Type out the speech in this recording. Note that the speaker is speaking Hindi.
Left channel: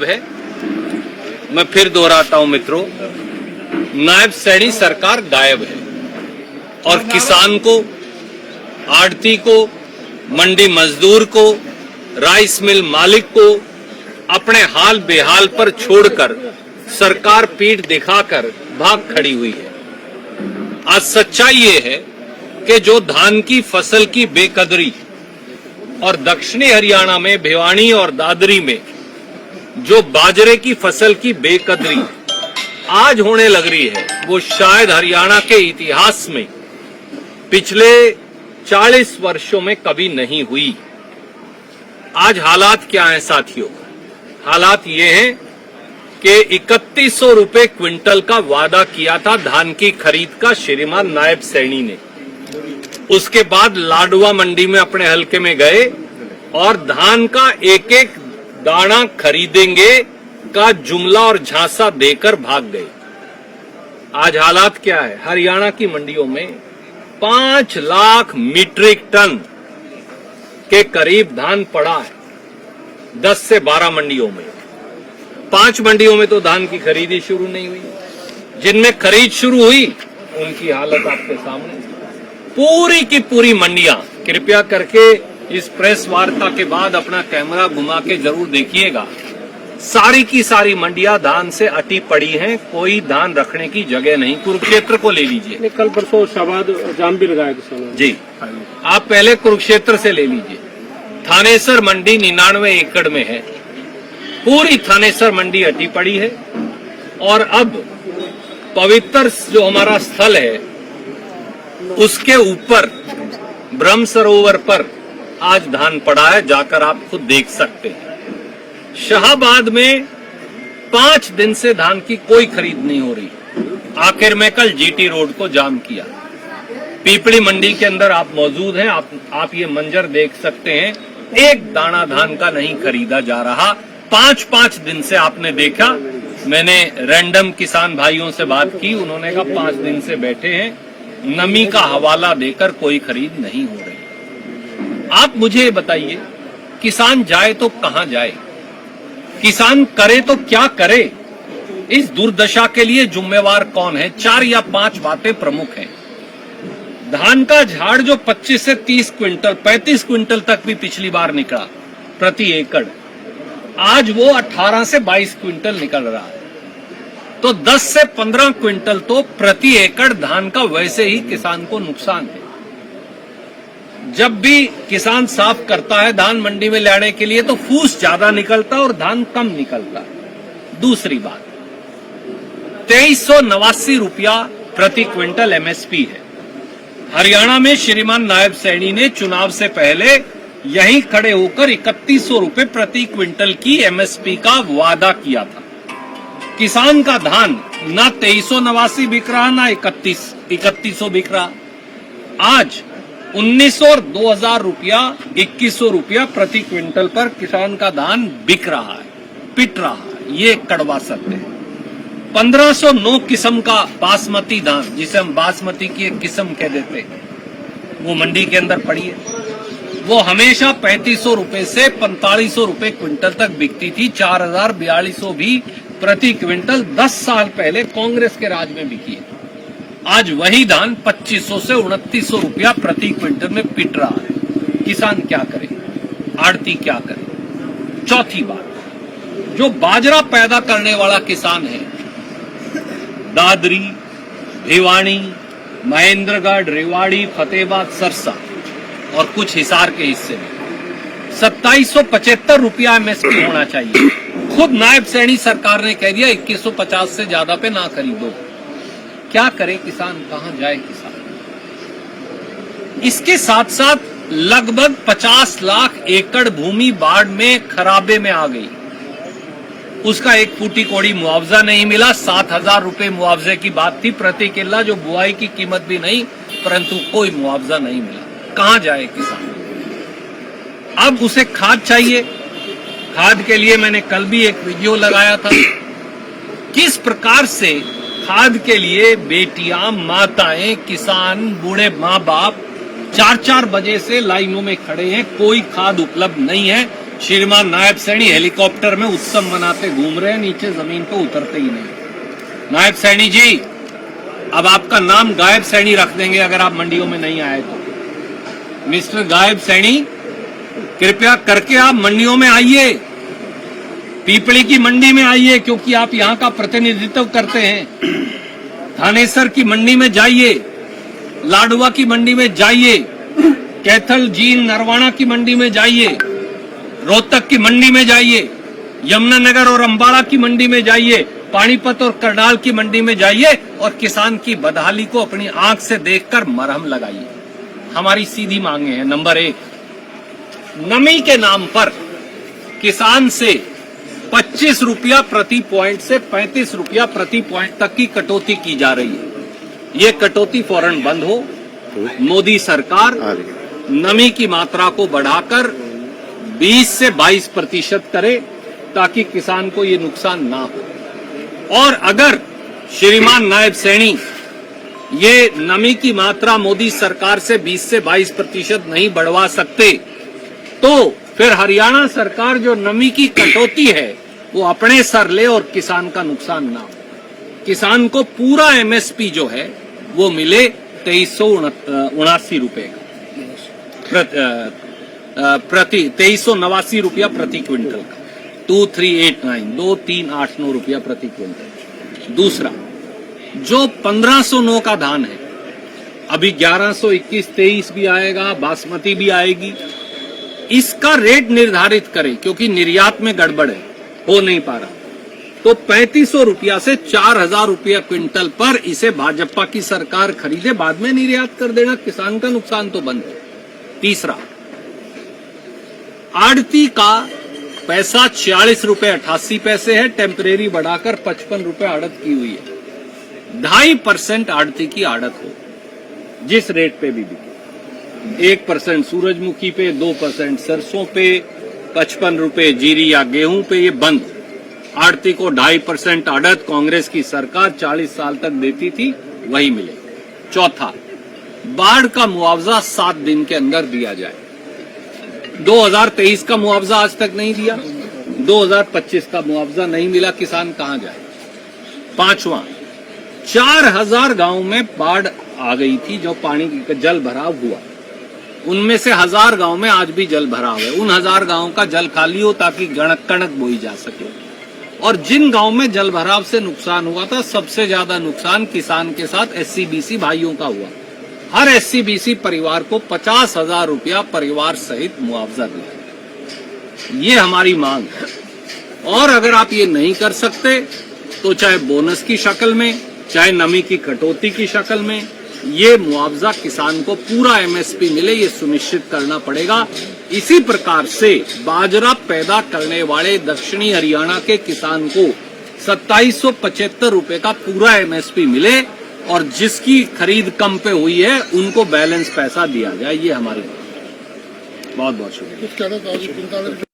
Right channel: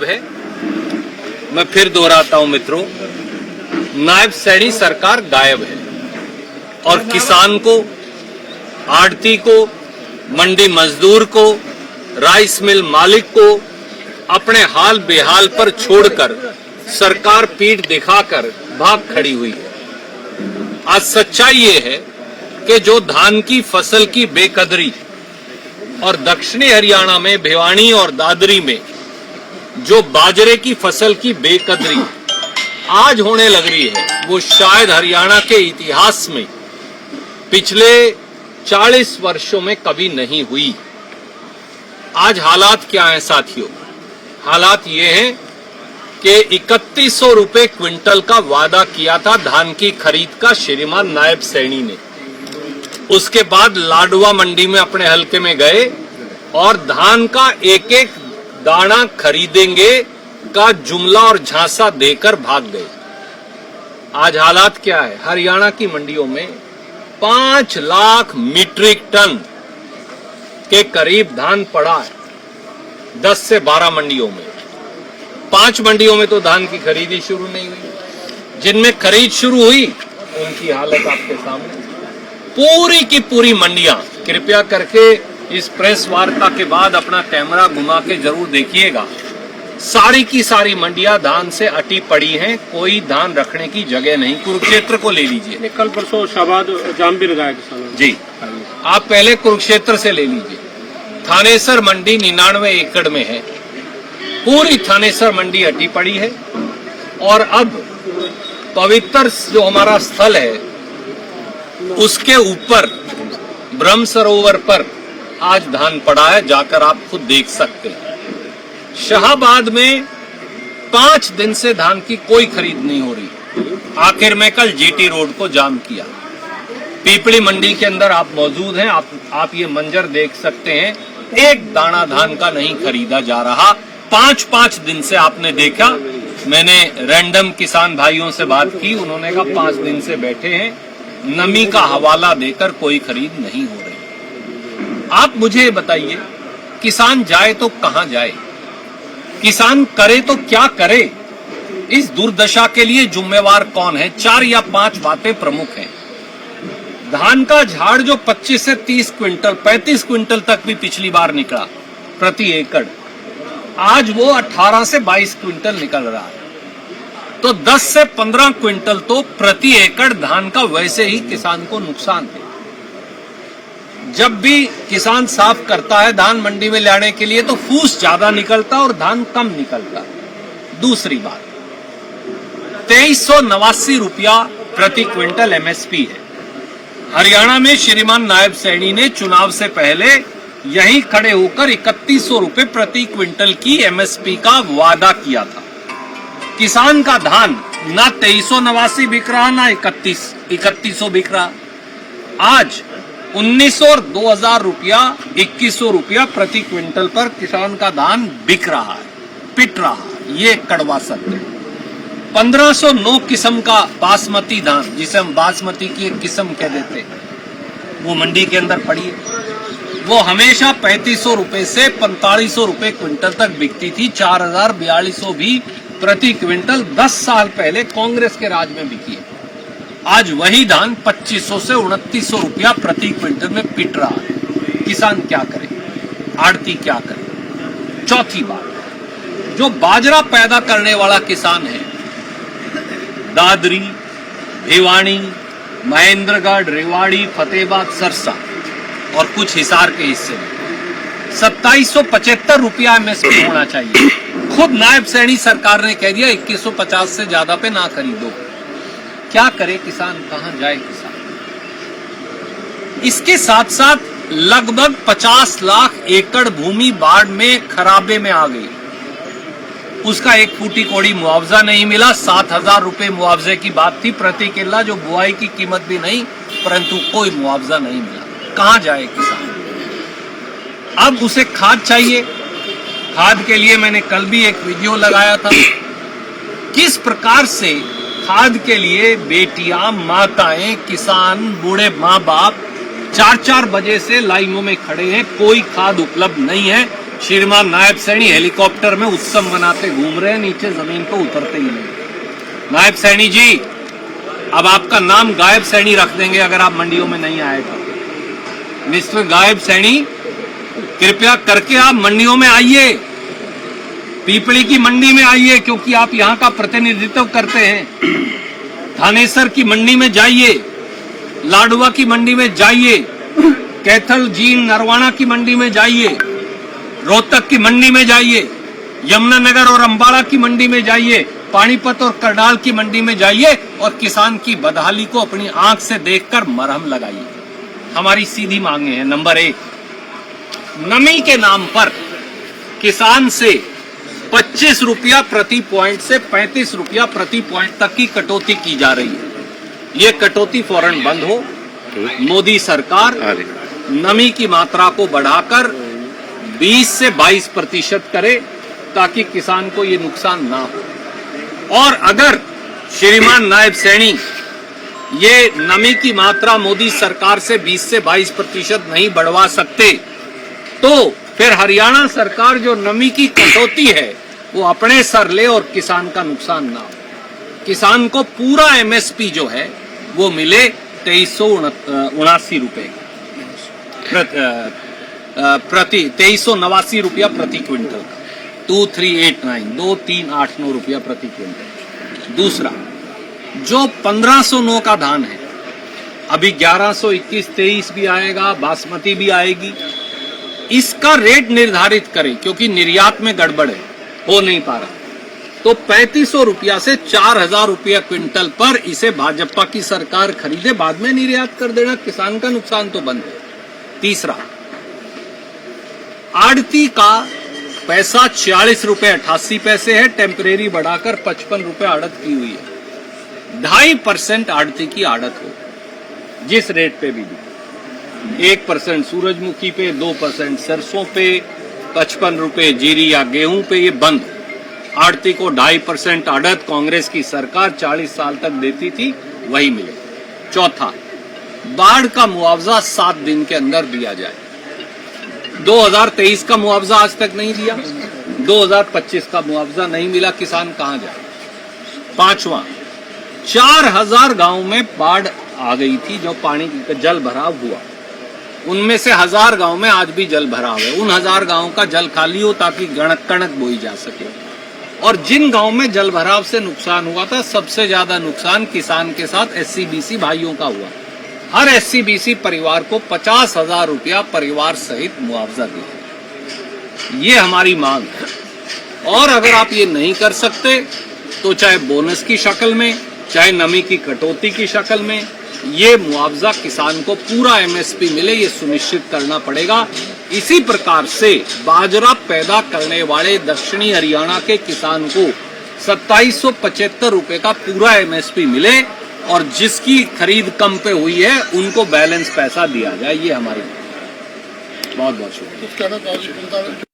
है। मैं फिर दोहराता हूं मित्रों, नायब सैनी सरकार गायब है और किसान को, आड़ती को, मंडी मजदूर को, राइस मिल मालिक को अपने हाल बेहाल पर छोड़कर सरकार पीठ दिखाकर भाग खड़ी हुई है। आज सच्चाई ये है कि जो धान की फसल की बेकदरी और दक्षिणी हरियाणा में भिवानी और दादरी में जो बाजरे की फसल की बेकदरी आज होने लग रही है, वो शायद हरियाणा के इतिहास में पिछले 40 वर्षों में कभी नहीं हुई। आज हालात क्या हैं साथियों? हालात ये हैं कि 3100 रुपए क्विंटल का वादा किया था धान की खरीद का श्रीमान नायब सैनी ने। उसके बाद लाडवा मंडी में अपने हलके में गए और धान का एक एक दाना खरीदेंगे का जुमला और झांसा देकर भाग गए। आज हालात क्या है? हरियाणा की मंडियों में 5 लाख मीट्रिक टन के करीब धान पड़ा है। 10 से 12 मंडियों में, 5 मंडियों में तो धान की खरीदी शुरू नहीं हुई। जिनमें खरीद शुरू हुई उनकी हालत आपके सामने। पूरी की पूरी मंडियां, कृपया करके इस प्रेस वार्ता के बाद अपना कैमरा घुमा के जरूर देखिएगा, सारी की सारी मंडियां धान से अटी पड़ी हैं। कोई धान रखने की जगह नहीं। कुरुक्षेत्र को ले लीजिए, कल परसों शाहबाद जाम भी लगाया किसानों जी। आप पहले कुरुक्षेत्र से ले लीजिए। थानेसर मंडी 99 एकड़ में है। पूरी थानेसर मंडी अटी पड़ी है। और अब पवित्र जो हमारा स्थल है उसके ऊपर ब्रह्म सरोवर पर आज धान पड़ा है, जाकर आप खुद देख सकते हैं। शाहबाद में 5 दिन से धान की कोई खरीद नहीं हो रही। आखिर में कल जीटी रोड को जाम किया। पीपड़ी मंडी के अंदर आप मौजूद हैं, आप ये मंजर देख सकते हैं। एक दाना धान का नहीं खरीदा जा रहा। 5 दिन से आपने देखा। मैंने रैंडम किसान भाइयों से बात की, उन्होंने कहा 5 दिन से बैठे हैं, नमी का हवाला देकर कोई खरीद नहीं हो रही। आप मुझे बताइए, किसान जाए तो कहां जाए? किसान करे तो क्या करे? इस दुर्दशा के लिए जिम्मेवार कौन है? 4 या 5 बातें प्रमुख हैं। धान का झाड़ जो 25 से 30 क्विंटल, 35 क्विंटल तक भी पिछली बार निकला प्रति एकड़, आज वो 18 से 22 क्विंटल निकल रहा है। तो 10 से 15 क्विंटल तो प्रति एकड़ धान का वैसे ही किसान को नुकसान है। जब भी किसान साफ करता है धान मंडी में लाने के लिए तो फूस ज्यादा निकलता और धान कम निकलता। दूसरी बात, 2389 रुपया प्रति क्विंटल एमएसपी है। हरियाणा में श्रीमान नायब सैनी ने चुनाव से पहले यहीं खड़े होकर 3100 रुपए प्रति क्विंटल की एमएसपी का वादा किया था। किसान का धान ना 2389 बिक रहा, ना 3100 बिक रहा। आज 1900 और 2000 रुपया, 2100 रुपया प्रति क्विंटल पर किसान का धान बिक रहा है, पिट रहा है। ये कड़वा सत्य है। 1509 किस्म का बासमती धान, जिसे हम बासमती की एक किस्म कह देते हैं, वो मंडी के अंदर पड़ी है। वो हमेशा 3500 रुपए से 4500 रुपए क्विंटल तक बिकती थी। 4042 भी प्रति क्विंटल 10 साल पहले कांग्रेस के राज में बिकी है। आज वही धान 2500 से 2900 रुपया प्रति क्विंटल में पिट रहा है। किसान क्या करे? आड़ती क्या करे? चौथी बात, जो बाजरा पैदा करने वाला किसान है, दादरी, भिवानी, महेंद्रगढ़, रेवाड़ी, फतेहाबाद, सरसा और कुछ हिसार के हिस्से में 2775 रुपया एमएसपी होना चाहिए। खुद नायब सैनी सरकार ने कह दिया 2150 से ज्यादा पे ना खरीदो। क्या करे किसान? कहां जाए किसान? इसके साथ साथ लगभग 50 लाख एकड़ भूमि बाढ़ में खराबे में आ गई। उसका एक फूटी कोड़ी मुआवजा नहीं मिला। 7000 रुपए मुआवजे की बात थी प्रति किल्ला, जो बुआई की कीमत भी नहीं, परंतु कोई मुआवजा नहीं मिला। कहां जाए किसान? अब उसे खाद चाहिए। खाद के लिए मैंने कल भी एक वीडियो लगाया था। किस प्रकार से खाद के लिए बेटियां, माताएं, किसान, बूढ़े माँ बाप 4-4 बजे से लाइनों में खड़े हैं। कोई खाद उपलब्ध नहीं है। श्रीमान नायब सैनी हेलीकॉप्टर में उत्सव मनाते घूम रहे हैं, नीचे जमीन पे उतरते ही नहीं। नायब सैनी जी, अब आपका नाम गायब सैनी रख देंगे अगर आप मंडियों में नहीं आए तो। मिस्टर गायब सैनी, कृपया करके आप मंडियों में आइए, पीपली की मंडी में आइए, क्योंकि आप यहाँ का प्रतिनिधित्व करते हैं। थानेसर की मंडी में जाइए, लाडवा की मंडी में जाइए, कैथल जींद नरवाना की मंडी में जाइए, रोहतक की मंडी में जाइए, यमुनानगर और अंबाला की मंडी में जाइए, पानीपत और करनाल की मंडी में जाइए और किसान की बदहाली को अपनी आंख से देखकर मरहम लगाइए। हमारी सीधी मांगे हैं। नंबर 1, नमी के नाम पर किसान से 25 रुपया प्रति पॉइंट से 35 रुपया प्रति पॉइंट तक की कटौती की जा रही है। ये कटौती फौरन बंद हो। मोदी सरकार नमी की मात्रा को बढ़ाकर 20 से 22% करे ताकि किसान को ये नुकसान ना हो। और अगर श्रीमान नायब सैनी ये नमी की मात्रा मोदी सरकार से 20 से 22% नहीं बढ़वा सकते तो फिर हरियाणा सरकार जो नमी की कटौती है वो अपने सर ले और किसान का नुकसान ना हो। किसान को पूरा एमएसपी जो है वो मिले 2379 रुपए प्रति 2389 रुपया प्रति क्विंटल का, 2389 रुपया प्रति क्विंटल। दूसरा, जो 1509 का धान है, अभी 1121-23 भी आएगा, बासमती भी आएगी, इसका रेट निर्धारित करें क्योंकि निर्यात में गड़बड़ है, हो नहीं पा रहा। तो 3500 रुपया से 4000 रुपया क्विंटल पर इसे भाजपा की सरकार खरीदे, बाद में निर्यात कर देना, किसान का नुकसान तो बंद है। तीसरा, आड़ती का पैसा 46 रुपए 88 पैसे है, टेम्परेरी बढ़ाकर 55 रुपए आड़त की हुई है। 2.5% आड़ती की आड़त हो, जिस रेट पे भी बिके, 1% सूरजमुखी पे, 2% सरसों पे, 55 रुपए जीरी या गेहूं पे, ये बंद। आड़ती को 2.5% आड़त कांग्रेस की सरकार 40 साल तक देती थी, वही मिले। चौथा, बाढ़ का मुआवजा 7 दिन के अंदर दिया जाए। 2023 का मुआवजा आज तक नहीं दिया, 2025 का मुआवजा नहीं मिला, किसान कहां जाए। पांचवा, 4000 गांव में बाढ़ आ गई थी, जो पानी जल भराव हुआ, उनमें से 1000 गांव में आज भी जल भराव है। उन 1000 गांव का जल खाली हो ताकि कणक बोई जा सके। और जिन गांव में जल भराव से नुकसान हुआ था, सबसे ज्यादा नुकसान किसान के साथ SC-BC भाइयों का हुआ। हर SC-BC परिवार को 50,000 रुपया परिवार सहित मुआवजा दिया। ये हमारी मांग है। और अगर आप ये नहीं कर सकते तो चाहे बोनस की शक्ल में, चाहे नमी की कटौती की शक्ल में, ये मुआवजा किसान को पूरा MSP मिले, ये सुनिश्चित करना पड़ेगा। इसी प्रकार से बाजरा पैदा करने वाले दक्षिणी हरियाणा के किसान को 2775 रुपए का पूरा MSP मिले और जिसकी खरीद कम पे हुई है उनको बैलेंस पैसा दिया जाए। ये हमारी बहुत बहुत शुक्रिया।